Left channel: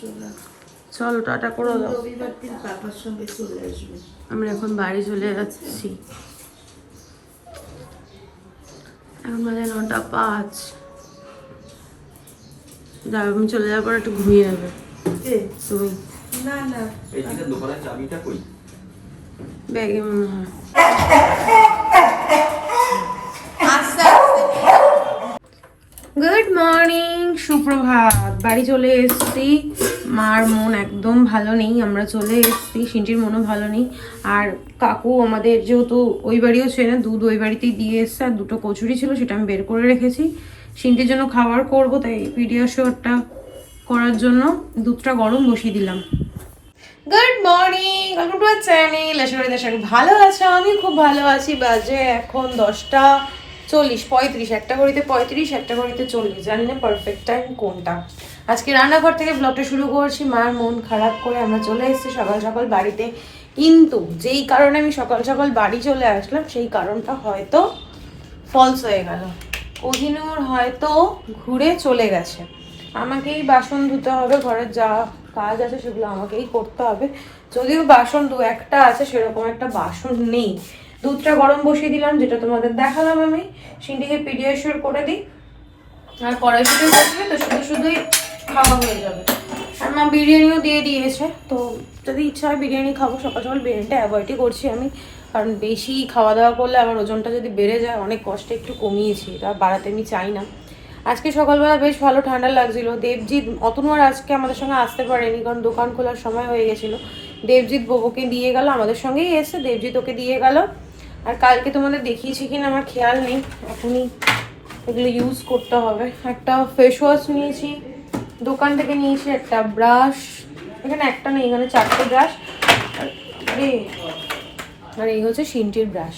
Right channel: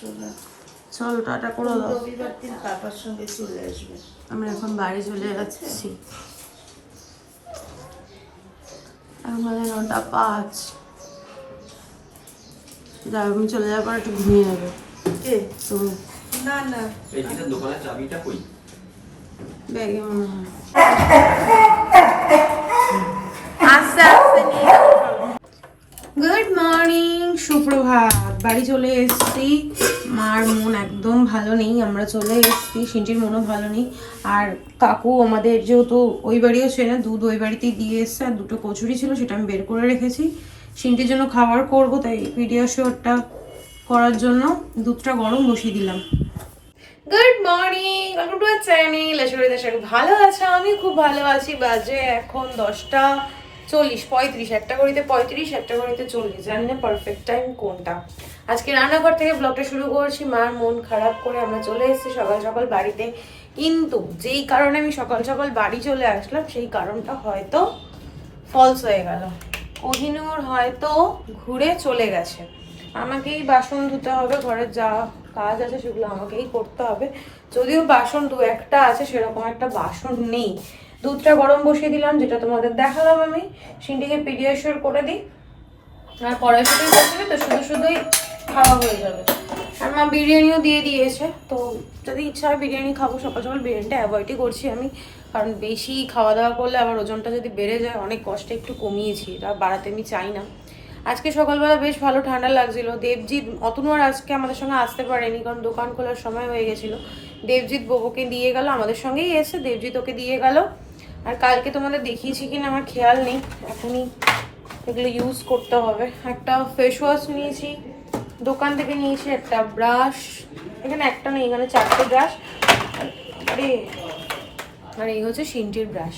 চলো টাটা করে দাও। রবিবার দিন পাপার সঙ্গে চলে আসবে। আমরা এখন বাড়ি চলে যাচ্ছি। এখন বাজে 9:05। আমি চলে যাওয়ার পর একটু ঘুমিয়ে যাবে তুমি। না না, এইটা দোকানের চাবিটা কই? ব্যাগে মনে হয়। গুড মর্নিং, সুপ্রভাত। বাড়ি চলে এসেছি। মার মন একদম ভালো নেই, আমরা চলে এসেছি। সিনটির মনও ভালো নেই। আর কাকু আমাদের যেহেতু ওই বাড়িও ছিল না, দুধ ওই বাড়িতেই দিয়ে এসছে। আর দুটো কচুরি ছিল, সেটা আমি বের করে রেখেছি। সিনটির জন্য খাবার করবো, তাই পিডিয়াশিওরটা করার জন্য দুধটা গরম বসিয়ে দিলাম। Good morning, welcome to our channel. আশা করি দর্শক ভালো আছো, আমি খুব ভালো আছি। বাজে এখন 10:40, 35, একটা ঘড়িতে 35, একটা ঘড়িতে 40, জানি না পারফেক্ট টাইম কোনটা। আজকে রান্নাঘর থেকে ব্লগটা শুরু করছি। মার মন খারাপ করে আমরা চলে এসেছি সকাল সকাল বাড়িতে। কিন্তু যেই কারণে আমি সকাল সকাল বাড়ি চলে আসলাম, সেই কারণটা হয়তো ফলস হয়ে গেল। কোহিনূর হয়তো ঘুরে চলে গেছে। আমাকেই বাসন ধুতে হবে, ঘরের যা কাজ আছে সেগুলো আমাকেই করতে হবে। যদিও বাসন দু একটা আছে, সেরকম একটা বাসন নেই। দুধটা গরম বসিয়ে দিলাম, যেটা তোমাদের দেখালাম আমি। সিন্ডিকে পিডিয়াশিওর করে দিই, আর কড়াইশুটোই করছে, তো শুধু শুধুই খাওয়া হয়ে যাবে। আর মা বিরিয়ানিও দিয়ে দিয়েছে, তো যদি ইচ্ছা হয় বিরিয়ানি খাবো। সকাল সকাল বিরিয়ানিটা অ্যাভয়েডই করছি আমি, কারণ বেশি খাওয়া দাওয়া করলে আমার ওজনটা যদি বেড়ে যায়। অনেক কষ্টে একটু কমিয়েছি, এটা বাড়াতে আমি চাই না। আজকে সকালবেলা বেশ ভালো ঠান্ডা লাগছিল। দেবজিৎ, অতনু আর আজকে আমাদের সঙ্গে আসতে পারেনি, কারণ দোকান খোলার সময় হয়ে গেছিলো। দেবজিৎ বোবোকে দিয়ে গেল, আমাদের সঙ্গেই এসে দেবজিৎ ওকে দিয়ে গেল। আর কালকে তোমাদের দেখিয়েছি কিনা আমার খেয়াল নেই, এখনই এগুলো ইউজ করতে হবে। একটা ফেস ওয়াশ নিয়েছি দোকান থেকে, নিয়েছি একটা ব্রাশ। এখানে একটা নেই, এখানে 4টে ব্রাশ। আর এই হচ্ছে সিন্টির ব্রাশ।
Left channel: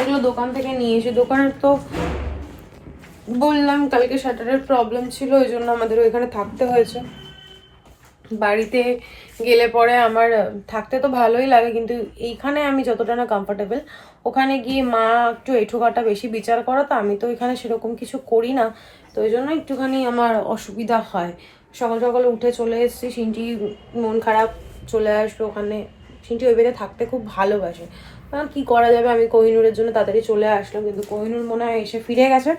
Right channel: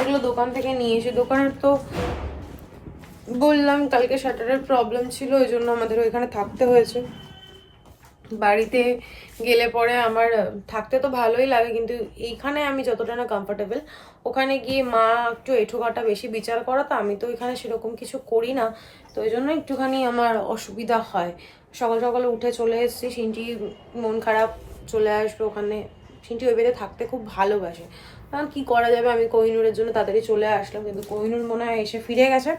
এগুলো দোকান থেকে নিয়েছি। দোকানের তো বললাম কালকে শাটারের প্রবলেম ছিল, ওই জন্য আমাদের ওইখানে থাকতে হয়েছে। বাড়িতে গেলে পরে আমার থাকতে তো ভালোই লাগে, কিন্তু এইখানে আমি যতটা না কমফোর্টেবল, ওখানে গিয়ে মা একটু এঁঠোকাটা বেশি বিচার করা, তো আমি তো এখানে সেরকম কিছু করি না, তো ওই জন্য একটুখানি আমার অসুবিধা হয়। সকাল সকালে উঠে চলে এসেছি। সিনটি মন খারাপ, চলে আসবে ওখানে। সিনটি ওই বেড়ে থাকতে খুব ভালোবাসে, কারণ কী করা যাবে। আমি কোহিনূরের জন্য তাড়াতাড়ি চলে আসলাম, কিন্তু কোহিনূর মনে হয় এসে ফিরে গেছে।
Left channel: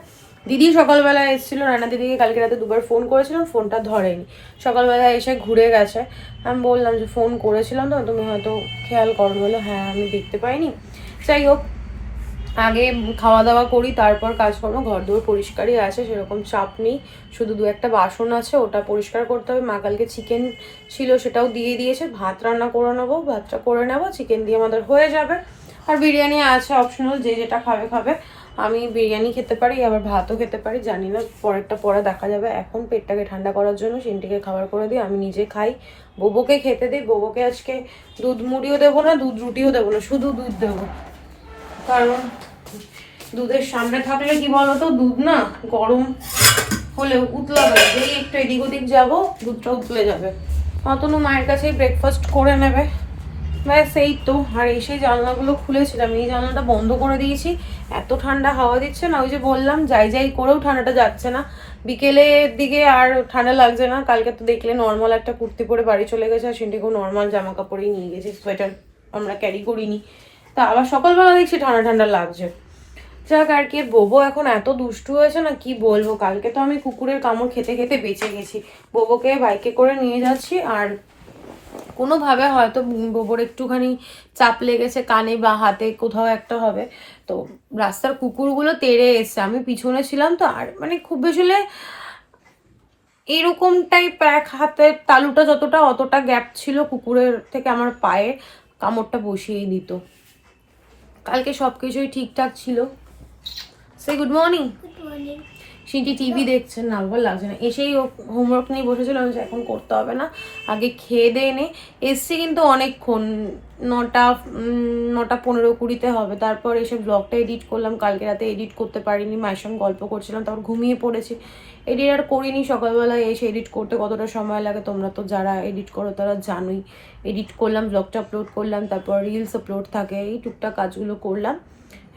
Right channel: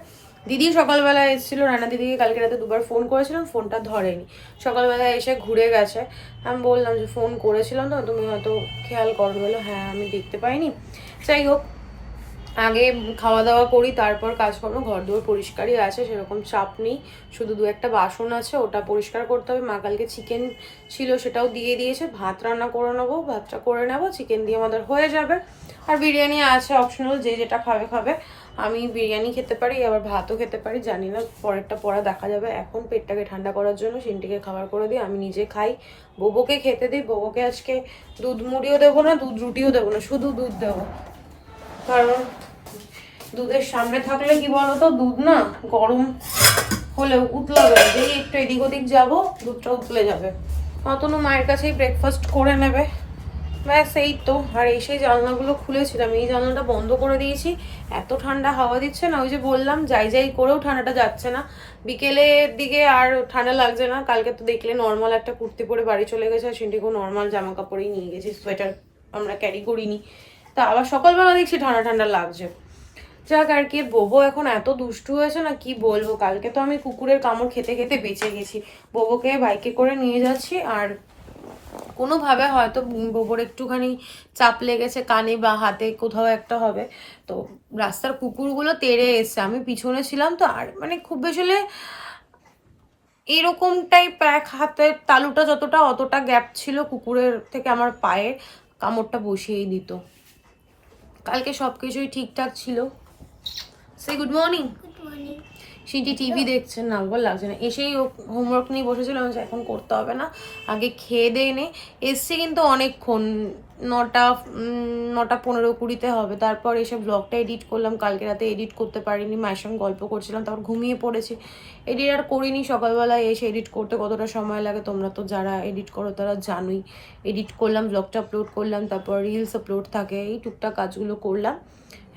দিদি সকালবেলা এসেছিলো, রান্না দিদিকে কালকে রাতে দুবার ফোন করেছিলাম, ফোনটা ধরেনি। সকালবেলা এসে ঘুরে গেছে। আমি বললাম যে ফোন করেছিলাম তো, তুমি হয়তো খেয়াল করো। বলো হ্যাঁ, আমি দেখতে পাইনি। যাই হোক, আগে খাওয়া দাওয়া করি, তারপর কাজকর্ম। ঘর দুয়ার পরিষ্কারই আছে, সেরকম চাপ নেই। শুধু দু একটা বাসন আছে, ওটা পরিষ্কার করতে হবে। মা কালকে চিকেন ছিল, সেটাও দিয়ে দিয়েছে। ভাত রান্না করে নেবো, ভাতটা করে নেবো, চিকেন দিয়ে আমাদের হয়ে যাবে। আর বিরিয়ানি আছে অপশনাল, যে যেটা খাবে খাবে। আমি বিরিয়ানি খেতে পারি, আবার ভাতও খেতে পারি, জানি না, পরেরটা পরে দেখা যাবে। এখন পেটটাকে ঠান্ডা করার জন্য সিনটিকে খাবার করে দিই, আমি নিজে খাই, বোবোকে খেতে দিই। বোবোকে আজকে দুধ মুড়িও দেবো না, দুধ রুটিও দেবো না, শুধু দুধ দেবো। কারণ দুধের সামনে থাকলে কি বলতো, দুধ না গরম হলে উতলা যাবে, যেই একটু এদিক ওদিক যাবো দুধটা উতলে যাবে। অতনু মায়ের কাছেই ব্রেকফাস্ট করে নেবে, ব্যাস এই তো। আর এসে জানলাগুলো খুলেছিলাম, এই জানলাটা বন্ধ করে দিয়েছি। এত ঠান্ডা হাওয়া দিচ্ছে না, ওই যে বললাম যাই যাই করেও ঠান্ডাটা যাচ্ছে না। বিকেলের দিকে আর ঠান্ডা লাগছে না। কালকে তো দেখলে নর্মাল একটা কুর্তি পরে বাড়ি চলে গেছে, আর সেটিকেও নর্মাল জামা কাপড়েই নিয়ে গেছি, সোয়েটার আমরা ক্যারি করিনি। তা আবার সকালবেলা দেখছি ঠান্ডা ঠান্ডা লাগছে। যাক, আর কি, বোবো এখন এত দুষ্টু হয়েছে না, কি বলবো। কালকে তো আমি কুকুরের কামড় খেতে খেতে বেঁচে গেছি। বোবোকে বাইকে করে নিয়ে যাচ্ছি, আর কোনোভাবে হয়তো বোবোর একটুখানি চাপ লেগেছে কানে বা হাতে, কোথাও একটা হবে। তো রাস্তার কুকুরগুলো তেড়ে এসছে, আমি পিছনে ছিলাম তো। আর মানে খুব বেশি হলে এরকম টাইপ এক হাতের তালুটা যতটা, অতটা গ্যাপ ছিল কুকুরের থেকে আমার পায়ে, কামড়টা বসিয়েই দিত। কালকে সব কিছুই ঠিকঠাক ছিল। সে গুড মর্নিং। সিটি টিভি দেখছে, না ভালো লাগছে না। এসেই হোমওয়ার্ক নিয়ে বসেছিল, আমি এখন করতে হবে না, আগে খেয়ে দিয়ে এনে এসছে। কিন্তু অনেকক্ষণ, 9:15-20 হবে। তারপর এসে ব্লগটা এডিট করলাম। কালকে রাতে এডিট করতে পারিনি, মায়ের সঙ্গে গল্প করছিলাম, তারপর ঘুমিয়ে পড়েছি। এডিট আর করিনি। সকালবেলায় এসে এডিট করতে কতটা সময় লাগে তোমরা তো যারা এডিট করো তারা জানোই। এডিট করলাম, ব্লগটা আপলোড করলাম, তারপর রিলস আপলোড থাকে, এই টুকটাক কাজগুলো করলাম।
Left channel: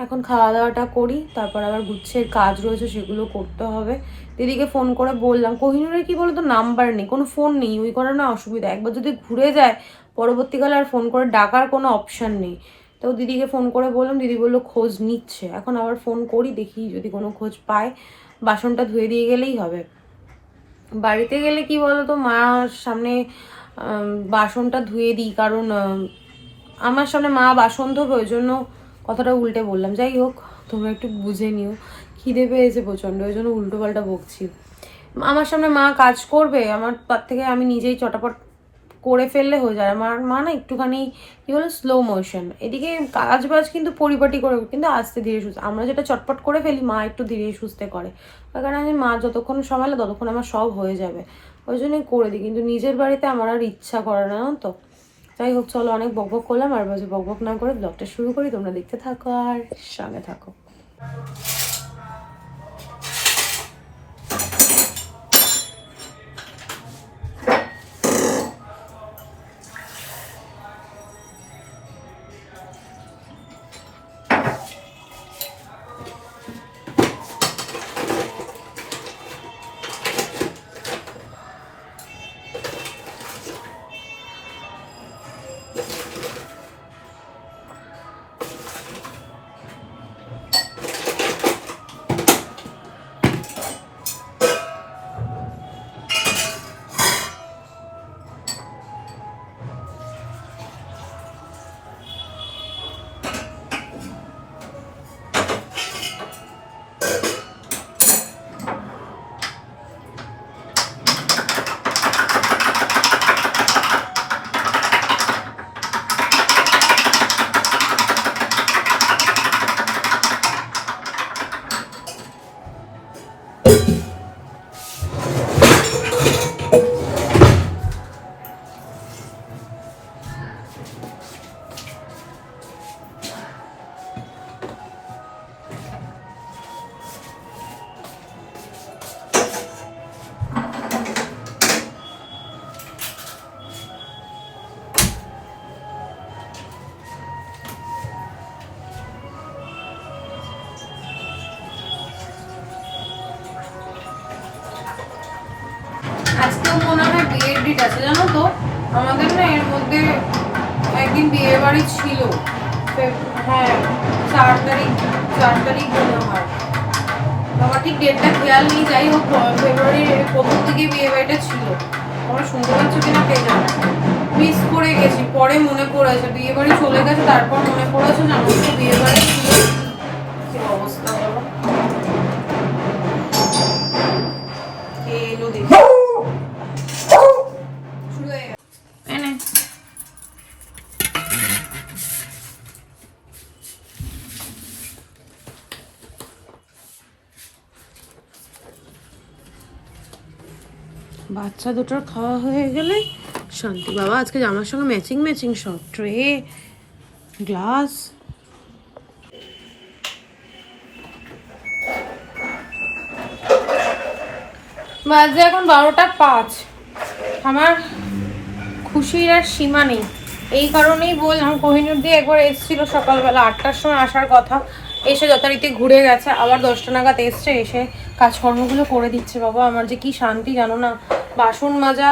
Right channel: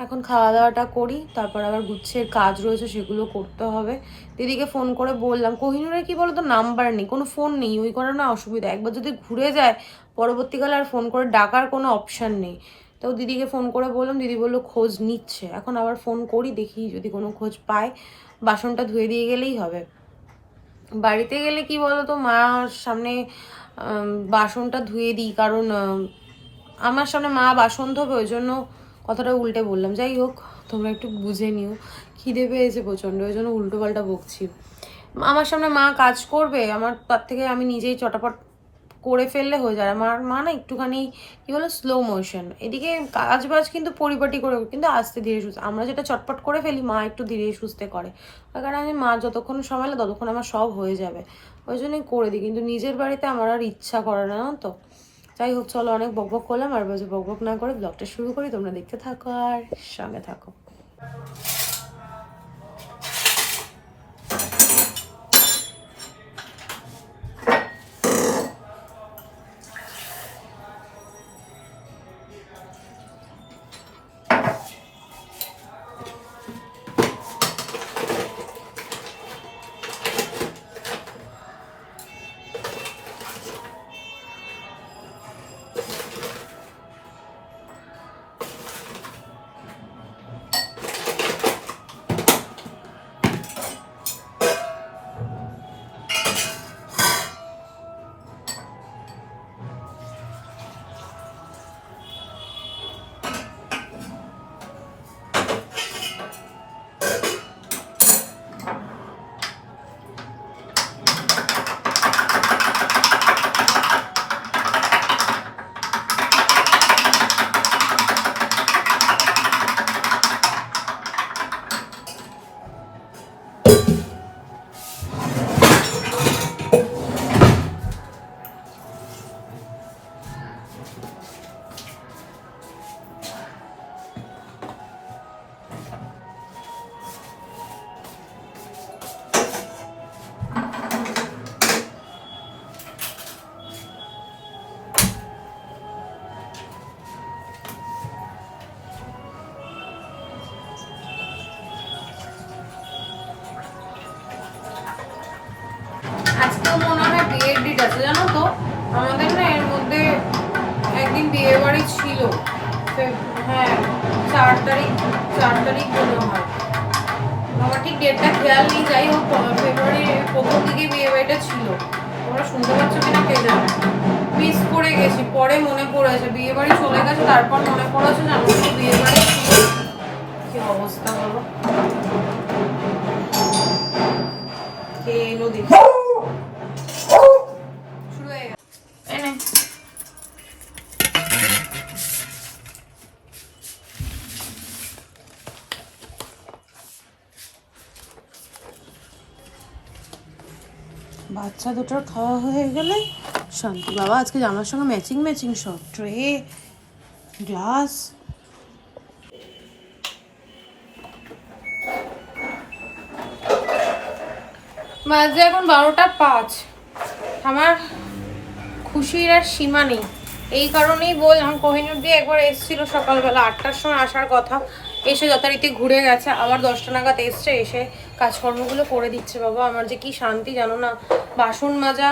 এখন খাওয়া দাওয়াটা করি, তারপর আবার গুচ্ছের কাজ রয়েছে সেগুলো করতে হবে। দিদিকে ফোন করে বললাম, কোহিনুরের কি বলতো নাম্বার নেই, কোনো ফোন নেই, ওই করে না অসুবিধা, একবার যদি ঘুরে যায় পরবর্তীকালে আর ফোন করে ডাকার কোনো অপশান নেই। তো দিদিকে ফোন করে বললাম, দিদি বললো খোঁজ নিচ্ছে, এখন আবার ফোন করি দেখি যদি কোনো খোঁজ পায়। বাসনটা ধুয়ে দিয়ে গেলেই হবে। বাড়িতে গেলে কি বলতো মার সামনে বাসনটা ধুয়ে দিই, কারণ আমার সামনে মা বাসন ধোবে, ওই জন্য কথাটা উল্টে বললাম। যাই হোক, তোমরা একটু বুঝে নিও, খিদে পেয়েছে প্রচণ্ড, ওই জন্য উল্টো পাল্টা বকছি। আমার সামনে মা কাজ করবে, আমার তার থেকে আমি নিজেই চটাপট করে ফেললে হয়ে যায়। আমার মা না একটুখানি কী বলে স্লো মোশন, এদিকে কাজ বাজ কিন্তু পরিপাটি করে, কিন্তু আস্তে ধীরে সুস্থে। আমরা যেটা চটপট করে ফেলি মা একটু ধীরে সুস্থে করে, তার কারণে আমি মা যতক্ষণ সামলালে ততক্ষণ আমার সব হয়ে যাবে, ওই জন্যই করে দিই। কিন্তু নিজের বাড়িতে আমার আর ইচ্ছা করে না তো। যাই হোক, চলো, অনেক বকবক করলাম, আর বাজে বকবক না করে ব্লগটা শুরু করি। তোমরা দেখতে থাকো আর সঙ্গে থাকো। আজকেও মনে হয় বিয়ের ডেট আছে, জানো তো। আমাদের না এর মধ্যে একদিন বিয়ে বাড়ি ছিল, হ্যাঁ 4 তারিখ মনে হয়, আমার ঠিক ডেটটা খেয়াল নেই। যাই হোক, ফেব্রুয়ারির প্রথম দিকে বিয়ে বাড়িটা ছিল। তোমরা শুনতে পাচ্ছ কিনা কে জানে, মিস করে গেছি, পরে মনে পড়েছে। বিয়ে বাড়ি চলে গেছে, তারপর মনে পড়েছে যে আমার তো বিয়ে বাড়ি ছিল। কি অবস্থা বলো, এলো দেখি শুরু হয়ে গেছে। বাচ্চা দুটোর খাওয়া হয়ে গেলে শান্তি। বাবা আজকে জামার সঙ্গে ম্যাচিং সব ট্রে, গ্লাস। বাজে এখন 12টা 5। আমার খুশির আর সীমা নেই। এই কারণেই বললাম, কোহিনুর দিয়ে একবার এসেছিল সকালবেলা 8টার সময় আসার কথা, এসে যথারীতি ঘুরে গেছে, আবার 10টা নাগাদ এসছে, এসে কাজকর্মগুলো করে দিচ্ছে। বাবা আমার যে কি শান্তি জানো না। বাসন মাজা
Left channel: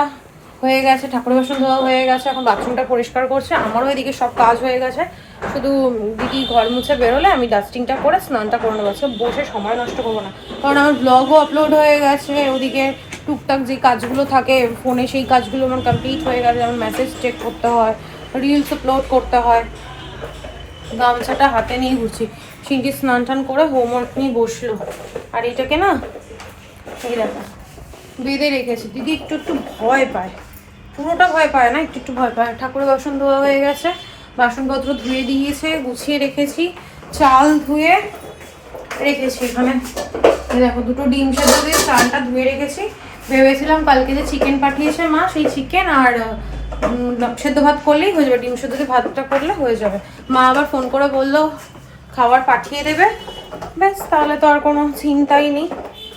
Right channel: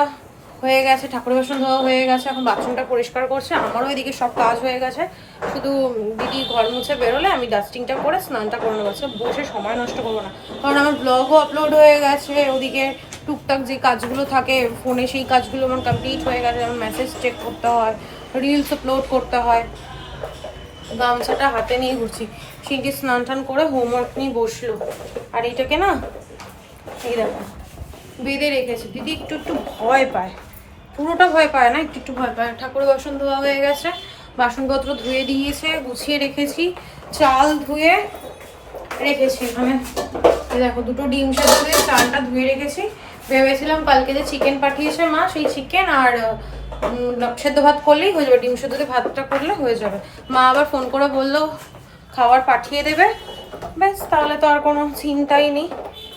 হয়ে গেছে, ঠাকুর বাসন ধোয়া হয়ে গেছে, এখন বাথরুমটা পরিষ্কার করছে, আমারও এদিকে সব কাজ হয়ে গেছে। শুধু দিদি ঘর মুছে বেরোলে আমি ডাস্টিংটা করে স্নানটা করে নেবো। বসে সময় নষ্ট করবো না, কারণ আমার ব্লগও আপলোড হয়ে গেছে, ওদিকে টুকটাক যে কাজগুলো থাকে ফোনে সেই কাজগুলো আমার কমপ্লিট হয়ে গেছে। যেমন মেসেজ চেক করতে হয়, রিলস আপলোড করতে হয়। গামছাটা হাতে নিয়ে ঘুরছি। সিঙ্কি স্নান টান করে হোমওয়ার্ক নিয়ে বসলো। আর এটাকে না এই দেখো বেঁধে রেখেছি। দিদি একটু ভয় পায়, পুরোটা ভয় পায় না, একটু ভয় পায়। ঠাকুরের বাসন ধোয়া হয়ে গেছে, বাসনপত্র ধুয়ে দিয়েছে, গুছিয়ে রেখেছি, চাল ধুয়ে রেখেছি এখানে। দেখো 2টো ডিম সেদ্ধ দিয়ে চালটা ধুয়ে রেখেছি। ভেবেছিলাম কালকে যে চিকেন পাঠিয়েছে মা, সেই চিকেন আর সেদ্ধ ভাত করলেই হয়ে যাবে, ডিম সেদ্ধ দিয়ে ভাতটা করলে হয়ে যাবে। মা আবার ফোন করে বললো খাবার পাঠিয়ে দেবে, ব্যাস তাহলে তো আর কোনো চিন্তাই নেই,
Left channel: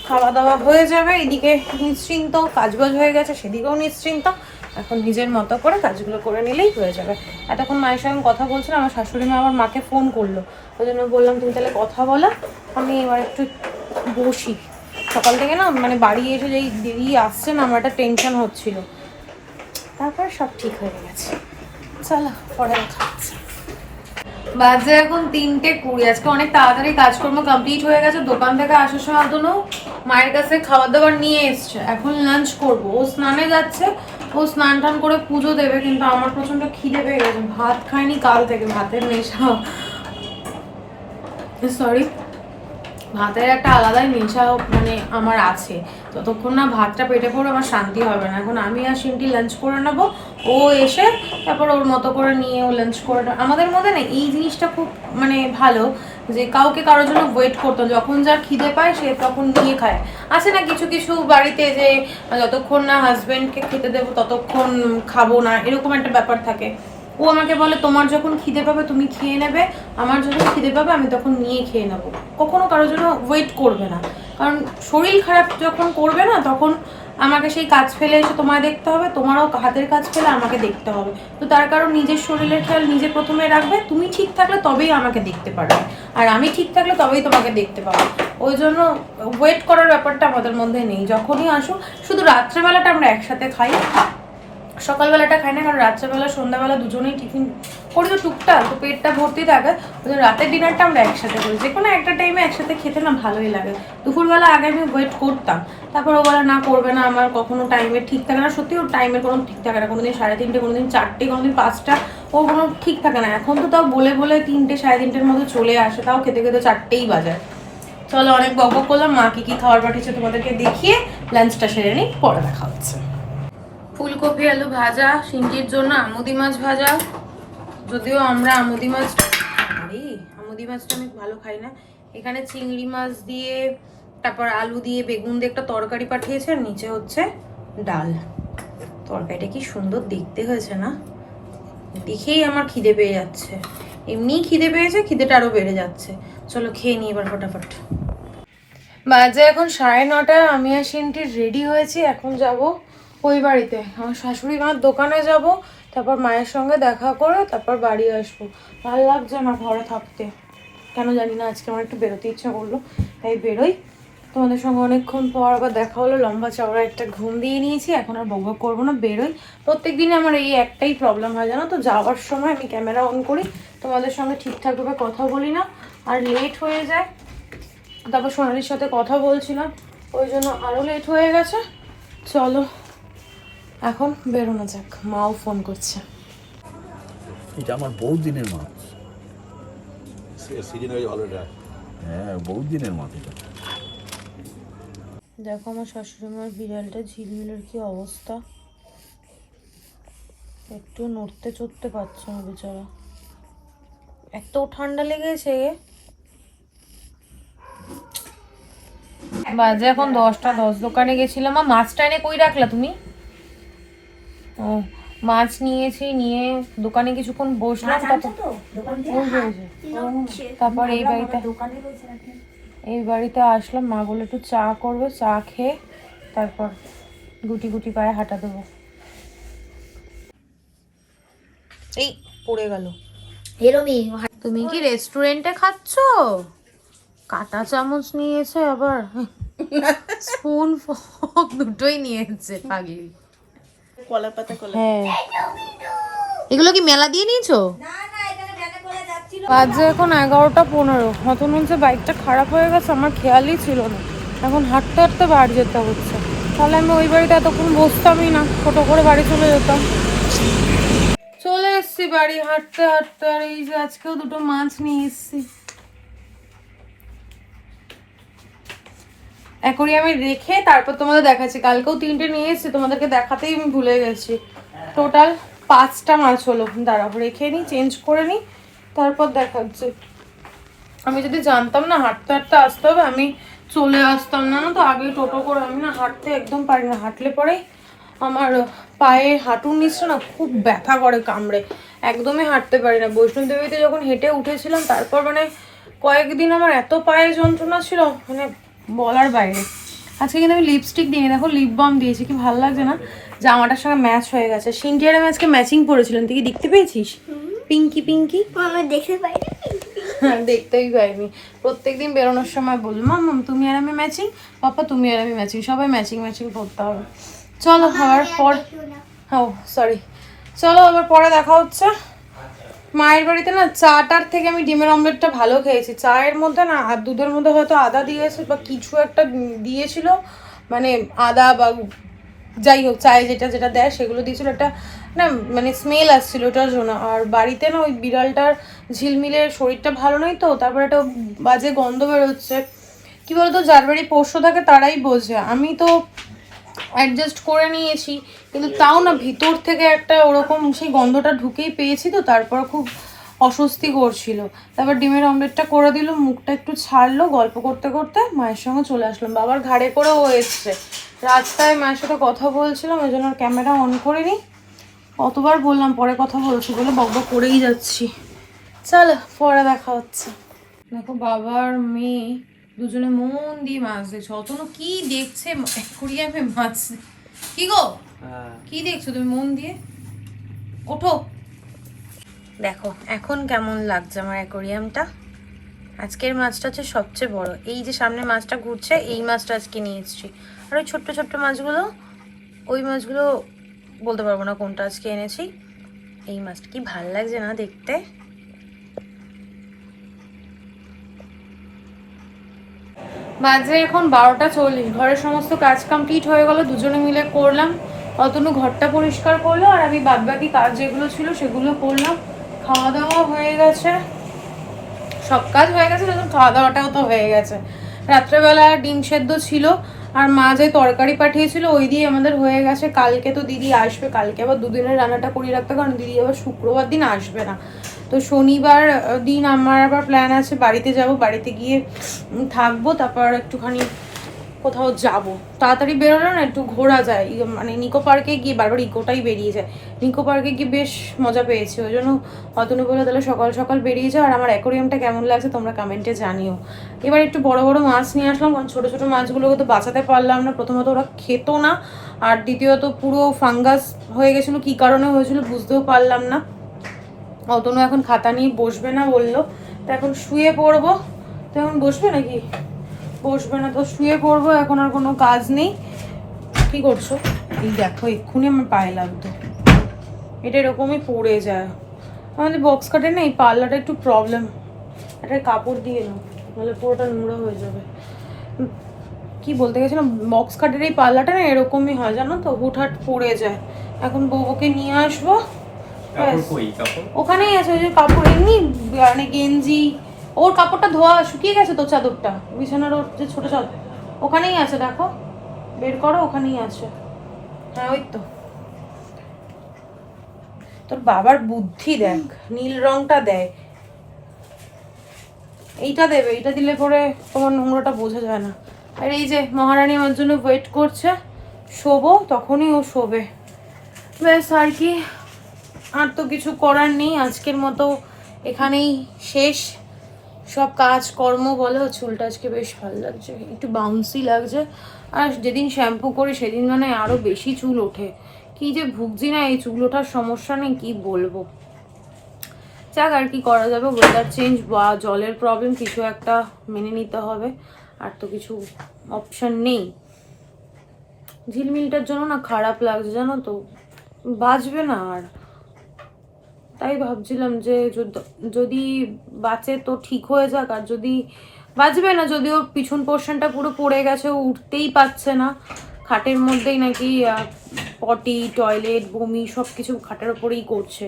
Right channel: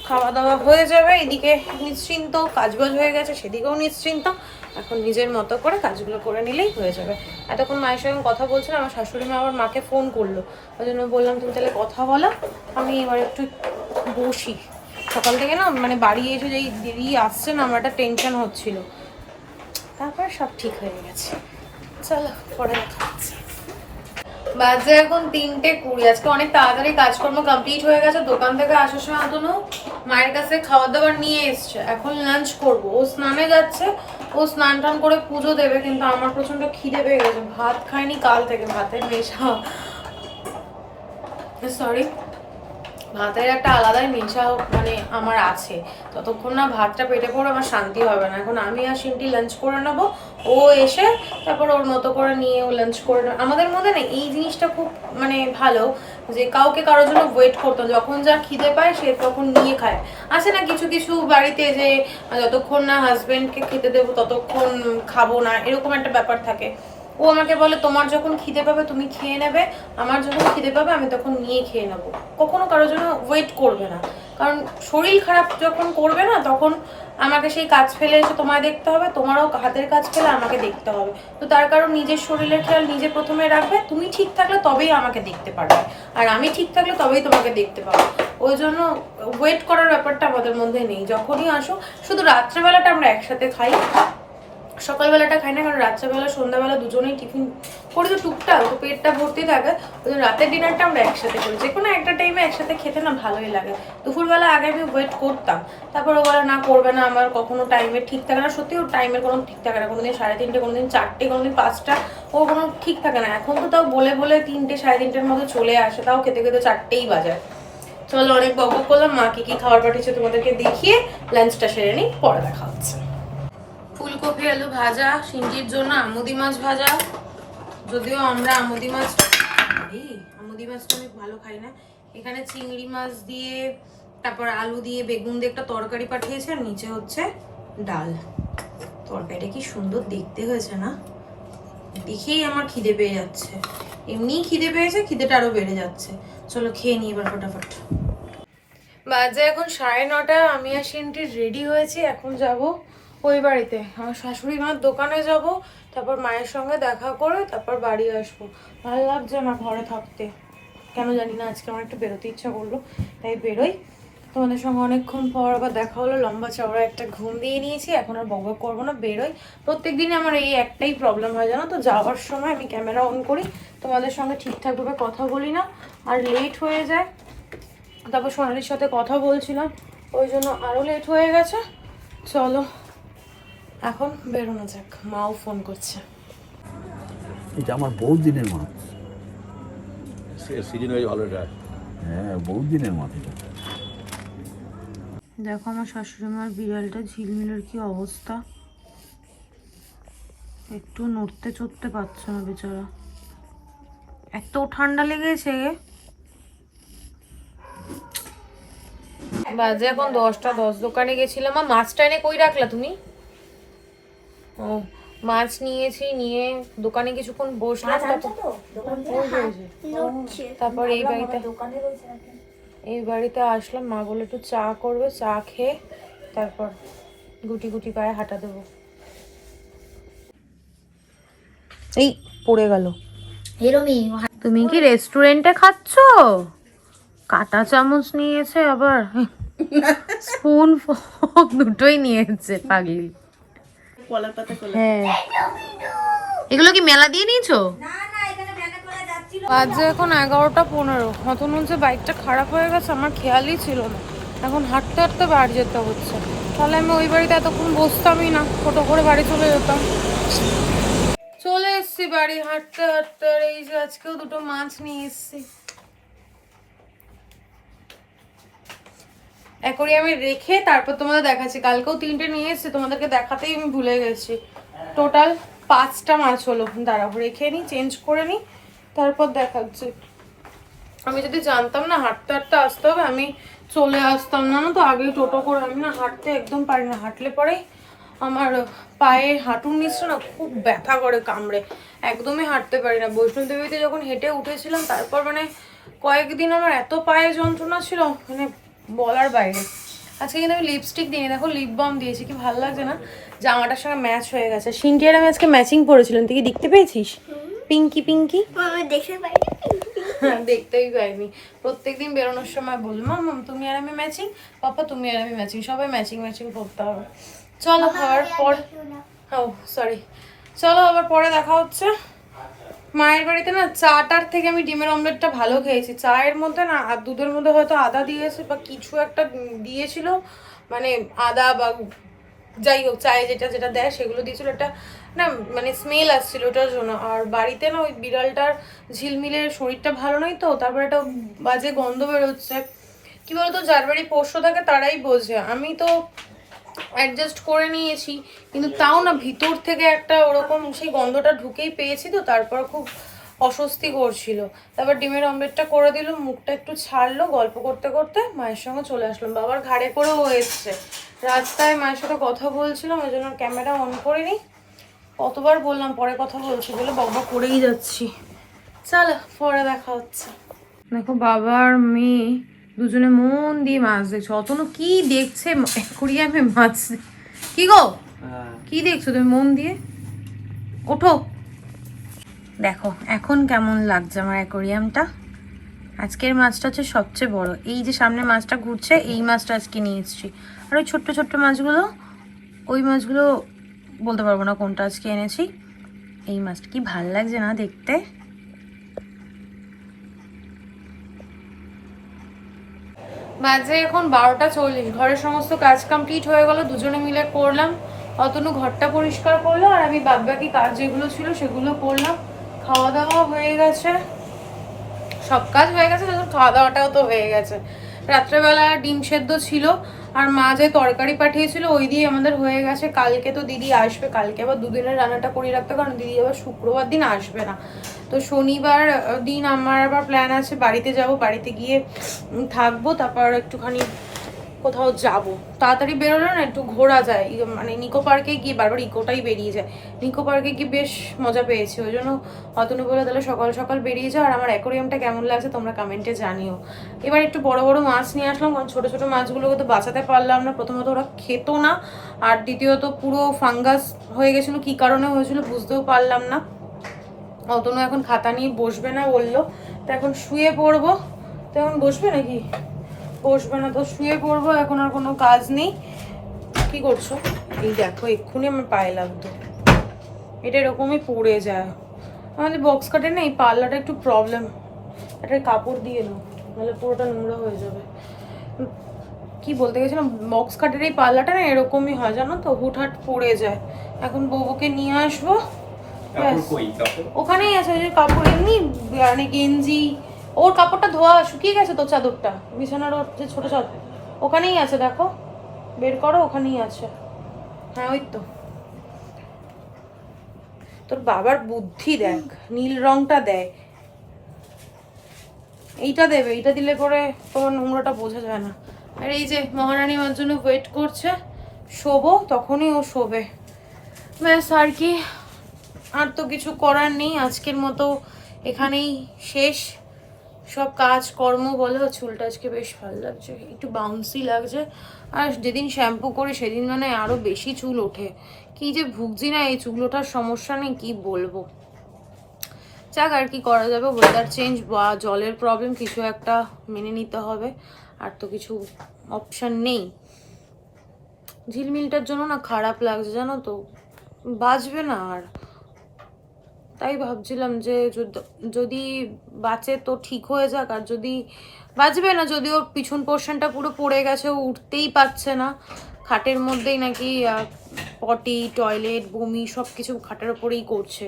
খাওয়া দাওয়া হয়ে যাবে। এদিকে নিশ্চিন্ত, কাজবাজ হয়ে গেছে, সেদিকেও নিশ্চিন্ত। এখন নিজের মতো করে কাজগুলো করে নিলেই হয়ে যাবে। এতক্ষণ মায়ের সঙ্গে কথা বলছিলাম, আমার শাশুড়ি মা আবার মাকে ফোন করলো, ওই জন্য বললাম তুমি তাহলে কথা বলো, আমি এবার একটু বসি। সকাল থেকে না মানে বাড়ি এসে যেই দেরি আসছে না, আমার একটা টেনশন হচ্ছিল, তারপর সব ঠিক হয়ে গেছে। চলো পরে দেখা হচ্ছে। বাজে এখন 3:20। আজকে অনেক তাড়াতাড়ি কাজকর্ম কমপ্লিট হয়ে গেছে। দোকান থেকে আসার সময় দুনো মায়ের কাছে খাবার দাবার নিয়ে এসছে, এখন লাঞ্চ করব। ও স্নানে যাচ্ছে, ও স্নান টান করে পুজো দেবে, কিন্তু আমার প্রচন্ড খিদে পেয়ে গেছে। ভাত খাইনি কাল থেকে, ভাতের নেশা, সরি, ভাতের একটা আলাদাই নেশা মানে আমার আছে। ততক্ষণ না ভাতটা পেটে পড়ে আমার শান্তি হবে না। এখন আমি আর সিন্টি লাঞ্চ করে নেবো, ও এসে তারপর ওর মতো করে নিয়ে ও লাঞ্চ করে নেবে। আমাদের মধ্যে না এই জিনিসটা খুব মানে ভালো, যে কাউকে কারোর জন্য ওয়েট করতো, যখন যার খিদে পায় সে তখন নিয়ে খায়। আছে না কিছু কিছু বাড়িতে যে যতক্ষণ না হাজবেন্ডকে খেতে দেবো ততক্ষণ খাবো না, এরকম একটা ব্যাপার থাকে। ও আমাকে বলে তোমার যখন খিদে পাবে তুমি খেয়ে নেবে, আমার যখন খিদে পাবে আমি তখন নিয়ে খেয়ে নেবো। কখনো কারোর জন্য ওয়েট করবে না, কারণ শরীর খারাপ যখন করবে না তখন আমাকে সেই কাজ ফেলে এসে তোমায় দেখতে হবে, তোমারও হাতের কাজ ফেলে আমাকে দেখতে হবে। তো তার কারণ নিজের শরীরের খেয়াল নিজে প্রথমে রাখবে। তুমি ঠিক থাকলে তবেই আমাকে দেখতে পারবে, আর আমি ঠিক থাকলে তবেই তোমাকে দেখতে পাবো। ওই জন্য ওয়েট করার ব্যাপারটা আমাদের মধ্যে নেই। যখনই আসো, শুধু রাত্রেবেলাটা আমরা একসাথে খাই, সকালবেলাটা খাই না, কারণ রাত্রেবেলা সন্ধ্যাবেলা দুজনেই টিফিন করি তো টুকটাক, তো পেটটা ভর্তি থাকে। ওই রাতের ডিনারটা আমরা একসাথে করি, যে কোনো একটা টাইমে একসাথে খেতে না ভালোই লাগে। দুপুরবেলা আগে আমি ওয়েট করতাম, তারপর ও বলে না করবে না, আমার কখনো টাইমের ঠিক থাকে না। সত্যি ওর টাইমের কোনো ঠিক থাকে না, কোনোদিন 3:30, কোনোদিন 4টে, কোনোদিন 5টা, ও কোনো ঠিক থাকে না। এখন তো তাও বলে বলে 3টে 3:30-র মধ্যে চলে আসে, তাও খেতে খেতে 4টেই বাজায়। চলো অনেক বক করলাম, মা কি খাবার পাঠিয়েছে তোমাদেরকে দেখিয়ে লাঞ্চটা সেরে নিই, পরে দেখা হচ্ছে। ফুলকপি আলু ভাজা, সিন্টির জন্য আমুদি মাছ ভাজা, যদিও আমরা আমুদি মাছটা আমি ভালো খাই না। এখানে চিংড়ি মাছ দিয়ে, তারপর আলু দিয়ে, বেগুন দিয়ে একটা তরকারি পাঠিয়েছে, আর নিচে হচ্ছে ডাল। তরকারিটা কি সুন্দর দেখতে হয়েছে না, দেখেই আমার খিদে পেয়ে যাচ্ছে। এমনিই খিদে পেয়েছে, খিদেটা আরো বেড়ে যাচ্ছে। চলো খেয়ে নিই এবার ফটাফট। বাজে এখন 9:30। আমি আর সিন্টি রেডি হয়েছি, এখন যাব ওই বাড়িতে, আমার শাশুড়ি মার দোকানে যাব, তারপর মায়ের সঙ্গে দেখা করে তারপর বাড়ি আসবো। ভালো লাগছে না ঘরে থাকতে, কেন জানি না, আজকে আমার একটু বেরোতে ইচ্ছা করলো, তাই বেরোই। তোমাদের সঙ্গে অনেকক্ষণ পর আবার দেখা হলো, লম্বা চওড়া একটা ঘুম দিয়ে নিয়েছি, এখন আর বকবক করবো না, বেরোই। প্রত্যেক দিনে আমার এই একটাই প্রবলেম হয় জানো তো, যাওয়ার সময় আমি ক্যামেরা অন করি, তোমাদের সঙ্গে ঠিকঠাকভাবে কথা বলি না, আর লেট হয়ে যায়। তারপর সোনালির সাথে কথা বলছিলাম, ওই জন্য আরও লেট হয়ে গেছে। চলো এখন বেরোনো যাক, মাও ফোন করছে। এটা আমার বহুত দিনের মাছ। সিজন হয়ে ভালো এটা। হ্যাঁ, বহুত দিনের মাছ এটা। দেখো আমার শাশুড়ি মার বিড়ালটা ঝিলমিলের কি অবস্থা, একটু নড়তে চড়তে পারছে না বেচারা, এত ঠান্ডা লেগেছে। বাজে এখন 10টা 10। দোকানে গেছিলাম, মাছটা এনে কই রাখলা তুমি? ও মাছ নিয়েছি, নিয়ে দোকানে কিছুক্ষণ বসলাম, তারপর এই বাড়িতে আসলাম। মা বলে একটু চা করবে, চা খেয়ে তারপর গুটি গুটি পায়ে হাঁটা দেবো। এই পড়ে গেল। তুমি কি রেস্টুরেন্টে খাচ্ছ? কাঁটা চামচ নিয়েছে আবার, স্পুন ফোক দুটোই নিয়েছে পাগলি। কলার পাতা কলা। হ্যাঁ, এগুলো কি মেলা দিয়ে নিয়েছো? বাজে এখন 11টা 15। হয়তো মনে হচ্ছে বাইকটা খারাপ হয়ে গেছে, আমার খেয়ালই ছিল না। এখন হাঁটতে হাঁটতে বাড়ি যেতে হচ্ছে, তাহলে আমি ওই বাড়িতে এতক্ষণ বসতামই না, ছোটো করে বাড়ি চলে যেতাম। চলে এসছি বাড়ি হাঁটতে হাঁটতে, আর এই যে আজকেও দুটো মাছ নিয়ে এসছি। অ্যাকোরিয়ামে রেখে তারপর তোমাদের দেখাচ্ছি। কালকেও 3টে নিয়ে এসেছি, তোমাদেরকে দেখাতেই আমি ভুলে গেছি। টোটাল 5টা মাছ হলো। দাঁড়াও রেখে নিই, চেঞ্জ করে নিই, তারপর দেখাচ্ছি। আমি যদি জানতাম না হাঁটতে হাঁটতে আসতে হবে, আমি চলে আসতাম না, তো আগেই টোটো করে। আমি না হাঁটতে একদম পারি না, হাঁটলে পরে আমার পায়ে হাঁটুর নিচটা না খুব ব্যথা করে, কামড়ে, একদমই হাঁটতে পারি না। বৈষ্ণব দেবীতে যখন হেঁটে উঠেছিলাম, তারপর মানে কয়েকদিন আমার এত পায়ে যন্ত্রণা ছিল, মানে বলার বাইরে। আজকে কিন্তু আমি লিপস্টিক দিই, দেখো লিপ বাম দিয়েছি, কি ভালো লাগছে না। জামাটার সঙ্গে ম্যাচ হয়ে গেছে। সিনটিয়ার আমি আজকে ম্যাচিং পরেছিলাম, তুই কি দেখতে পেয়েছিস? পিঙ্কি পিঙ্কি। আমি দেখতে পাই হ্যাঁ, দেখতেই পাইনি। প্রত্যেকদিন বেরোনোর সময় বলবো মাম তুমি আর আমি ম্যাচিং, পাপা তুমি আর আমি ম্যাচিং, সবাই ম্যাচিং ম্যাচিং করতে হবে। চলো আবার পর, ও সরি, চলো আবার পরে দেখা হচ্ছে। মায়ের বাড়িতে না চাটার থেকে আমি ডিমের অমলেটটা ভালো খেয়েছি। চায়ের মধ্যে না আর দুধের মধ্যে হয়তো আদা দিয়েছে বা কিছু একটা দিয়েছিল, মানে আদা বা যাই হোক চায়ে যেটা যেটা দেয় সেগুলো দিয়েছিল, একটা না মানে স্মেল আসছিল ওটার জন্য। আর বাড়িতে না ওই বিড়ালটার ঝিলমিলের শরীরটা ভালো নয় তো, তারপরে একটা বাজে গন্ধ বেরোচ্ছে। কি বলতো, যার বাড়ি পোষ্য থাকে তারাই বোঝে। আমি তো অ্যাডজাস্ট করে নিয়েছি, কিন্তু তাও না ভিতর থেকে একটা ওরকম সেই গন্ধটা ঢুকেই পেয়েছি তো, তারপর খুব অস্বস্তি করছিল। তারপর ডিমের অমলেটটা করে দিল, মুখটা একটু ছাড়লো, গল্প করতে করতে মায়ের সঙ্গে চলে আসলাম। বাবার ঘাড়ে করেও এসছে, রাস্তায় মায়ের সাথে কথা বলছিলাম, ওই জন্য ক্যামেরা অন করিনি। কতবার বললাম পরে কথা বলছি বলে বকবক করেই যাচ্ছি। চলো পরে দেখা হচ্ছে। দেখো বাবা আর মেয়ে দুজনে মন দিয়ে মাছ দেখছো। অতনু কি দেখছে অ্যাকোরিয়ামে মাছ? কি গো কি দেখছো তুমি মন দিয়ে? ওঠো। দেখো এখন কেমন লাগছে আমার অ্যাকোরিয়ামটা। আজকের মাছটা হচ্ছে সবচেয়ে বড়। এই যে সামনে মাছটা ঘুরছে, এই মাছটা আজকে নিয়ে এসেছি। আর ওই ছোট্ট ছোট্ট মাছগুলো, ওই মাছগুলো বলতে পারবো না কোনটা আজকে এনেছি। এই মাছটা কি ভাল লাগছে না দেখতে। বাজে এখন 12:40। ঘরের সমস্ত কাজ কমপ্লিট হয়ে গেল, দুজনে মিলে করলাম। অতনু ঘরটা পরিষ্কার করলো আর আমি বাদবাকি কাজ যেগুলো ছিল সেগুলো করলাম। খাওয়া দাওয়া হয়ে গেছে, সব কাজ হয়ে গেছে, খাওয়া দাওয়াটাও তো হয়ে গেছে। রাত্রেবেলা ডিম সেদ্ধ ছিল আর মা যে তরকারি পাঠিয়েছিল ওই দিয়ে আমাদের হয়ে গেছে। কালকে তো দিদি আসবে, কালকে আবার দুদিনের রান্নাটা করিয়ে রাখতে, কারণ দিদি আবার শুক্রবার দিন আসবে না। তো শনিবার দিন আমার আবার প্ল্যান আছে বাড়িতে যাব, বাড়িতে গিয়ে থাকবো, তারপর একটুখানি কোথাও যাব। তাড়াতাড়ি বেরোলে না একটু ঘোরা যায়, মানে নিকো পার্কে গিয়ে বারবার ইকোটাই বেরিয়ে যায়। নিকো পার্কে গিয়ে বেশ মজা পেয়েছি, ওই জন্য অতনু বলে তাহলে সকাল সকাল বেরিয়ে যাও। আর আমার অ্যাকোরিয়ামটা কেমন লাগছে তোমরা কমেন্টে জানিও। এবার একটু বড় বড় মাছ নিয়ে আসলাম, কারণ ছোটো ছোটো মাছগুলোকে তো বাঁচাতে পারলাম না। প্রথমত ওরা খেত না, আর দ্বিতীয়ত পুরো ফাঙ্গাস হয়ে গেছিলো, কী কারণে হয়েছিল বুঝতেও পারলাম না। অতনু এখন খাতা নিয়ে বসবে না বললো, তো এখন শুয়ে পড়বো। তো এখন বসবে নাকি? বসবে না, তো শুয়ে পড়বো, এখন আর কোনো কাজ নেই। কি করছো? এই দেখো এক্ষুনি আমার পায়ে লাগতো, এটা এরকমই পড়ে যায়। আমাদের বক্স কাটে না এই পাল্লাটা একটু প্রবলেম, একটা কাপড় দিয়ে নাও নাহলে পুরোটা নোংরা হয়ে যাবে। কি বলতে গেছিলাম, বক্স কাটের এই পাল্লাটা না এরকমই হয় জানো তো, হুটহাট পড়ে যায়। এখন বউকে নিয়ে আসবো, ওখানেই আছে ওই যে কাপড়, এমনি মানে গেঞ্জি। ওর কাপড়টা ধোয়া শুকিয়ে গেছে তো, চাদরটা বিছানার ওর যে ছোটো চাদর ওখানেই আছে, দেখো বের করো, ওখানেই আছে। হ্যাঁ ওই তো। তোর বাবার বুদ্ধি দেখ, নীল রংটা দেয়, এইটা দেবে, এইটা দিলে পরে তোমার নোংরাটা বোঝা যায় না। আর এই যে মহারানী আমার জন্য ওয়েট করছে, শোবো তখনই ও শোবে। ব্যাস আর কি, আর তো কিছু করার নেই। আজকের মতো এখানেই শেষ সব কাজ কর্ম বলো। চুলটা আজকে বেশ ভালো লাগছে, একটু বাউন্সি লাগছে। আর যেদিন শ্যাম্পু করি সেদিন মানে আরও বেশি চুল ওঠে। কি যে ভুগছি না এই চুল ওঠার সমস্যা নেই, কি বলবো। যাক আর কি করা যাবে, ওয়েদার চেঞ্জ বা জলের প্রবলেম কিছু একটা মেনে নিতে হবে, আর তো কিছু অপশান নেই। ঝিলমিলটার জন্য না খারাপ লাগছে জানো তো, বাঁচবে না আর। তাই ভাবছিলাম যে যদি বাঁচে তো ঠিক হয়ে যাক, আর যদি বাঁচবে না, যদি ওর পিছন পোর্শনটা পুরো পড়ে গেছে, ও উঠতেই পারছে না, খাটের মধ্যেই নাকি পটি টয়লেট বমি সব কিছু খাটের ওপরেই করছে।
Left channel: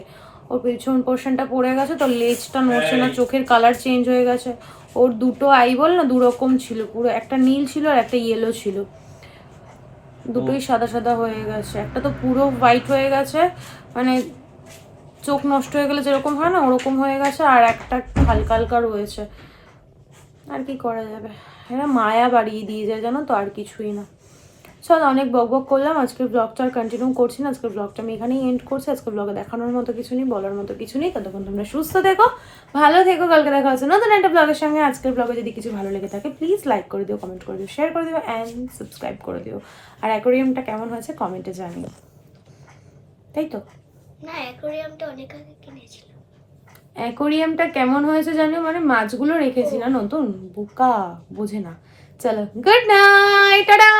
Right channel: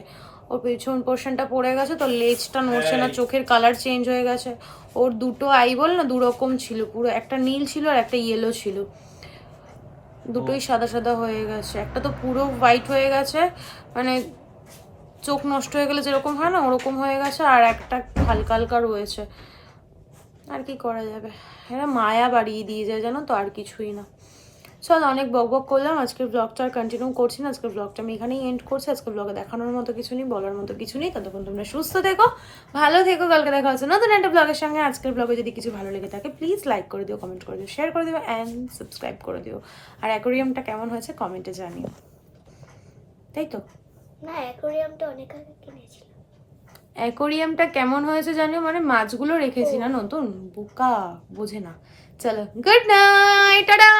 ওর পিছন পোর্শনটা পড়ে গেছে তো, লেজটা নড়ছে না, চোখের কালার চেঞ্জ হয়ে গেছে। ওর দুটো আইবল না দুরকম ছিল, পুরো একটা নীল ছিল আর একটা ইয়েলো ছিল, দুটোই সাদা সাদা হয়ে গেছে। একটা তো পুরো হোয়াইট হয়ে গেছে, মানে চোখ নষ্ট হয়ে গেলে যেরকম হয় না ওরকম হয়ে গেছে, আর একটা হালকা হালকা রয়েছে। আর কি করা যাবে, এরা মায়া বাড়িয়ে দিয়ে যায় জানো তো, আর কিছুই না। চল অনেক বক করলাম, আজকের ব্লগটা আর কন্টিনিউ করছি না। আজকের ব্লগটা আমি এখানেই এন্ড করছি। আজকের ব্লগে দেখানোর মতো কিছু নেই, বলার মতো কিছু নেই। ততক্ষণ তোমরা সুস্থ থেকো, ভালো থেকো, কালকে দেখা হচ্ছে নতুন একটা ব্লগের সঙ্গে। আজকের ব্লগে যদি কিছু ভালো লেগে থাকে প্লিজ লাইক করে দিও, কমেন্ট করে দিও, শেয়ার করে দিও অ্যান্ড সাবস্ক্রাইব করে দিও। আর অ্যাকোরিয়ামটা কেমন হয়েছে কমেন্টে জানিও। তাই তো? না, অ্যাকোরিয়ামটা অনেক আগে কিনেছিল। অ্যাকোরিয়ামটা কেমন হয়েছে জানো, মানে মাছগুলো রেখেছি না নতুন, বোকা বোঝে না। চলো, গুড নাইট, টাটা।